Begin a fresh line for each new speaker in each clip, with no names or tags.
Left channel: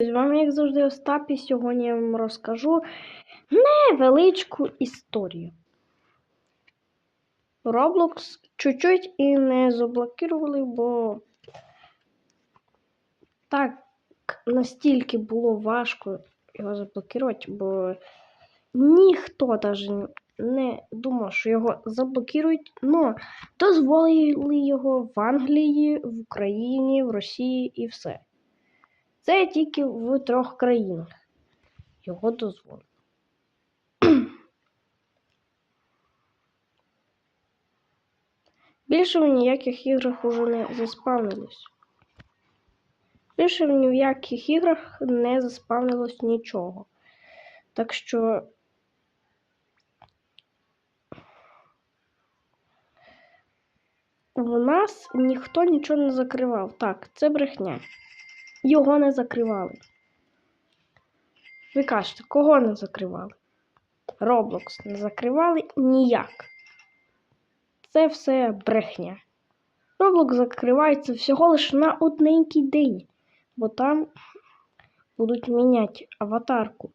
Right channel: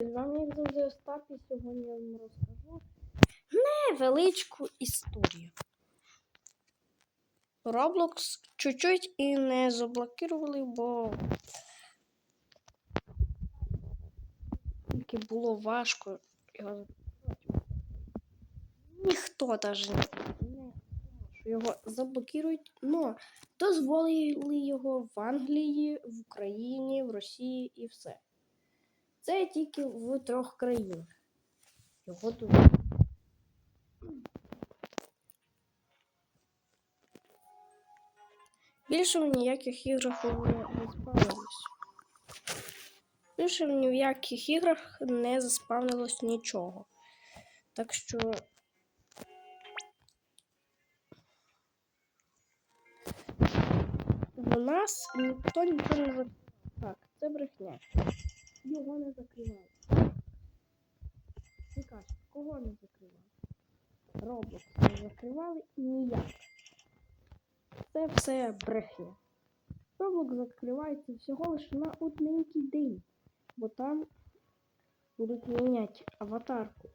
З вами, як завжди, Остап, і сьогодні я вам розкажу невеличку історію. Roblox чуть-чуть і не заблокували, бо так настільки було важко його заблокувати, бо ніхто навіть не думав, що його заблокують, але дозволили його в Англії, в Україні, в Росії і все. Це тільки в трьох країнах. Його дозволили. Більше в ніяких іграх уже не заспавнилось. Більше в яких іграх не заспавнилось нічого. Так що. В нас ніхто нічого не закривав. Так, це брехня. Його не закривали. Ви кажете, кого не закривали? Roblox не закривали ніяк. Це все брехня. Roblox закривається всього лише на одненький день, бо там будуть міняти аватарку.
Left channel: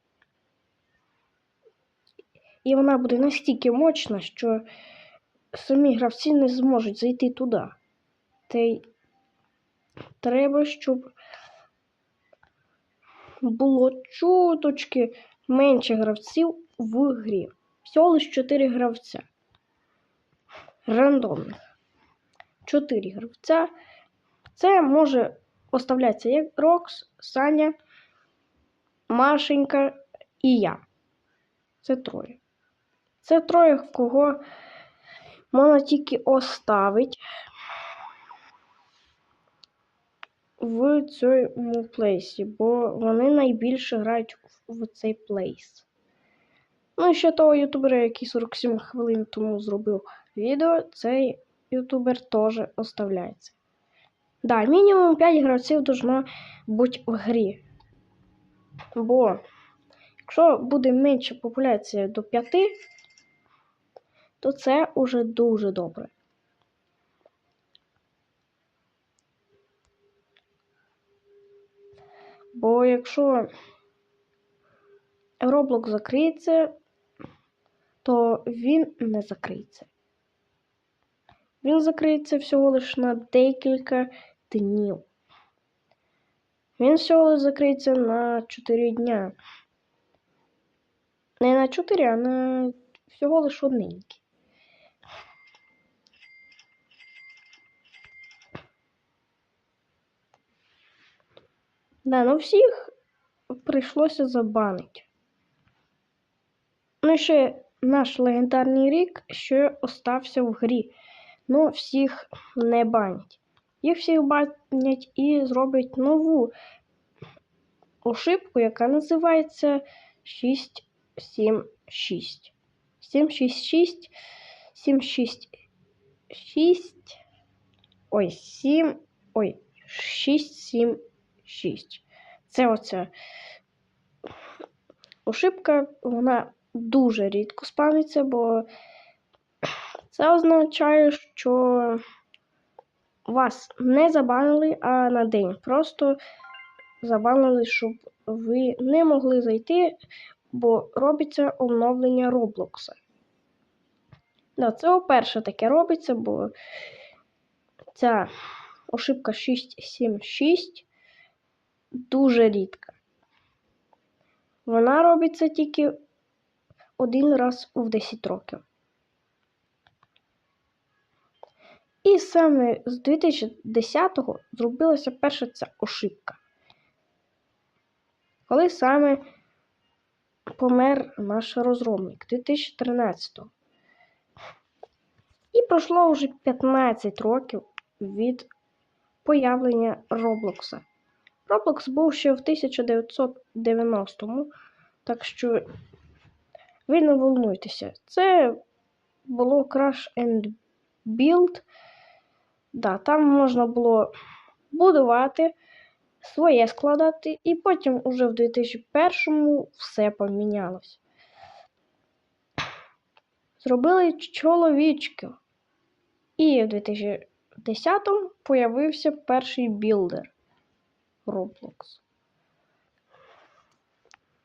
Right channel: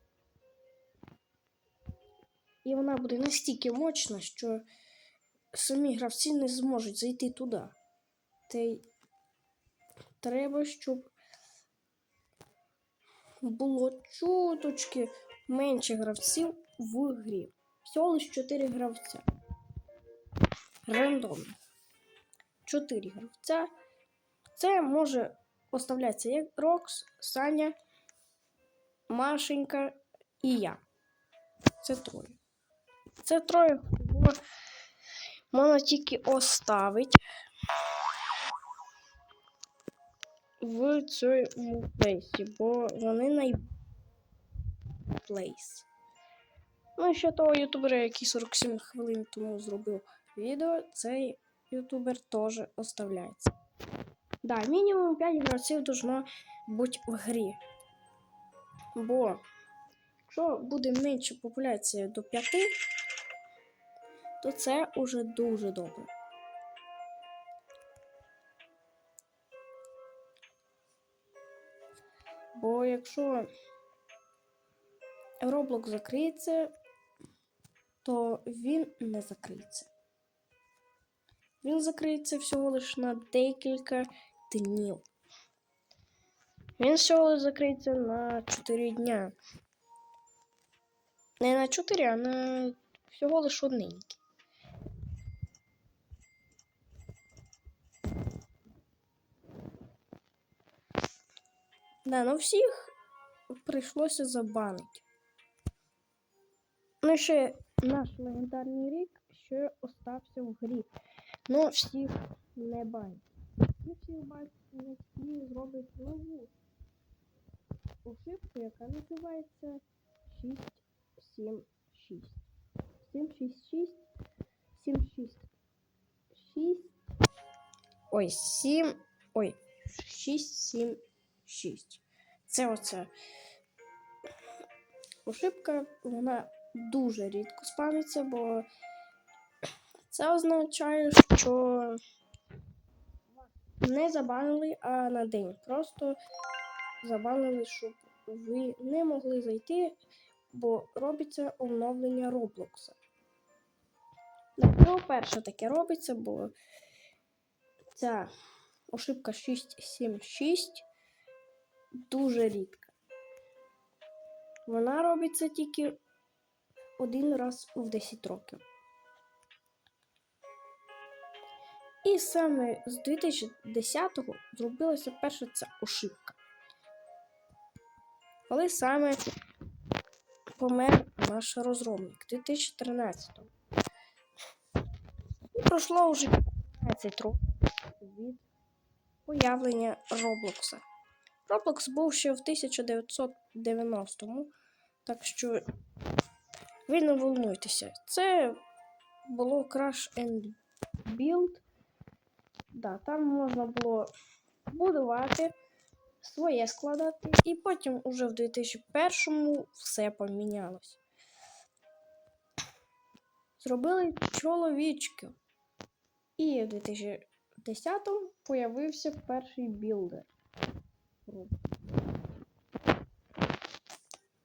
І вона буде настільки мощна, що самі гравці не зможуть зайти туди. Та й треба, щоб було чуточки менше гравців в грі. Всього лише 4 гравця. Рандомних. 4 гравця. Це може оставлятися як Рокс, Саня, Машенька і я. Це троє. Це троє, кого можна тільки оставити в цьому плейсі, бо вони найбільше грають в цей плейс. Ну, і ще того ютубера, який 47 хвилин тому зробив відео, цей ютубер теж оставляється. Да, мінімум 5 гравців должно бути в грі. Бо якщо буде менша популяція до 5, то це уже дуже добре. Бо якщо Roblox закриється, то він не закриється. Він закриється всього лише на декілька днів. Він всього закриється на 4 дня. Не на 4, а на всього лише одненький. Да, ну всіх прийшлося забанити. Ну ще наш легендарний рік ще остався в грі. Ну, всіх не банять. Їх всіх банять і зроблять нову ошибку, яка називається 676. 766 766 Ой, 7. Ой, 676. Це оце ошибка, вона дуже рідко спавниться, бо це означає, що вас не забанили, а на день. Просто забанили, щоб ви не могли зайти, бо робиться оновлення Роблокса. Да, це вперше таке робиться, бо ця ошибка 676 дуже рідка. Вона робиться тільки один раз в 10 років. І саме з 2010-го зробилася перша ця ошибка. Коли саме помер наш розробник 2013-го. І пройшло вже 15 років від появлення Роблокса. Roblox був ще в 1990-му, так що ви не волнуйтеся. Це було Crash and Build. Да, там можна було будувати, своє складати, і потім уже в 2001-му все помінялось. Зробили чоловічки. І в 2010-му появився перший білдер Roblox.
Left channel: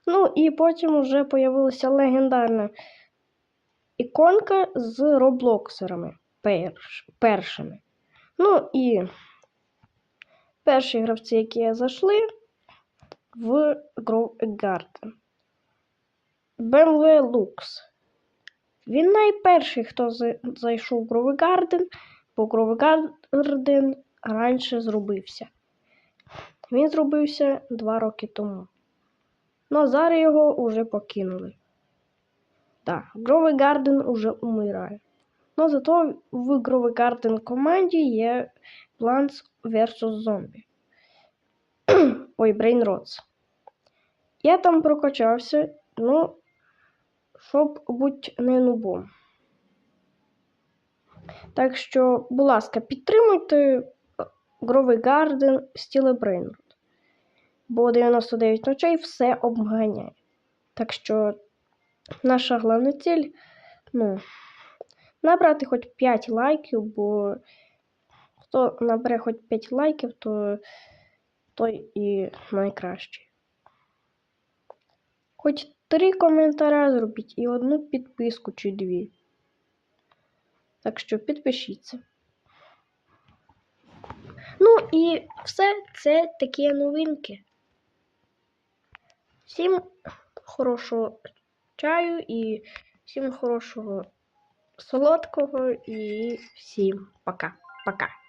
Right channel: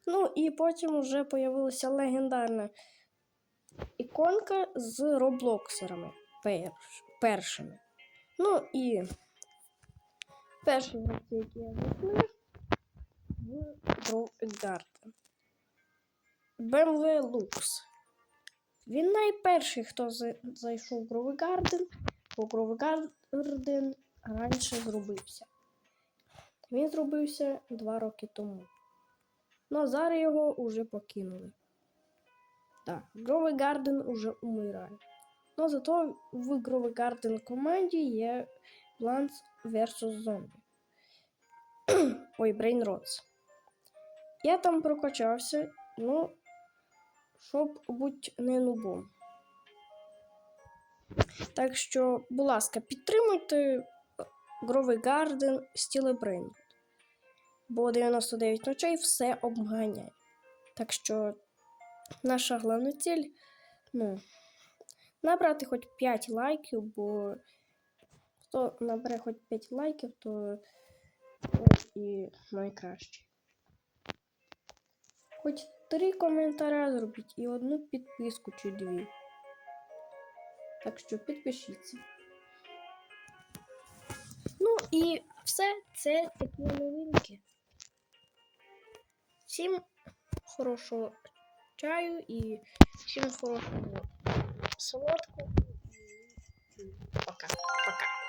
Ну і потім вже появилася легендарна іконка з роблоксерами перш, першими. Ну і перші гравці, які зайшли в Grow a Garden. BMW Lux. Він найперший, хто зайшов в Grow a Garden, бо Grow a Garden раніше зробився. Він зробився два роки тому. Ну, а зараз його вже покинули. Так, a Garden уже умирає. Ну, зато в a Garden команді є Plants vs. Zombie. Ой, Brain Rots. Я там прокачався, ну, щоб бути не нубом. Так що, будь ласка, підтримуйте Гровий Гарден Стіле Брейнрод. Бо 99 ночей все обганяє. Так що наша головна ціль ну, набрати хоч 5 лайків, бо хто набере хоч 5 лайків, то той і найкращий. Хоч три коментаря зробіть і одну підписку чи дві. Так що підпишіться. І все це такі новинки. Всім хорошого чаю і всім хорошого солодкого і всім пока. Пока.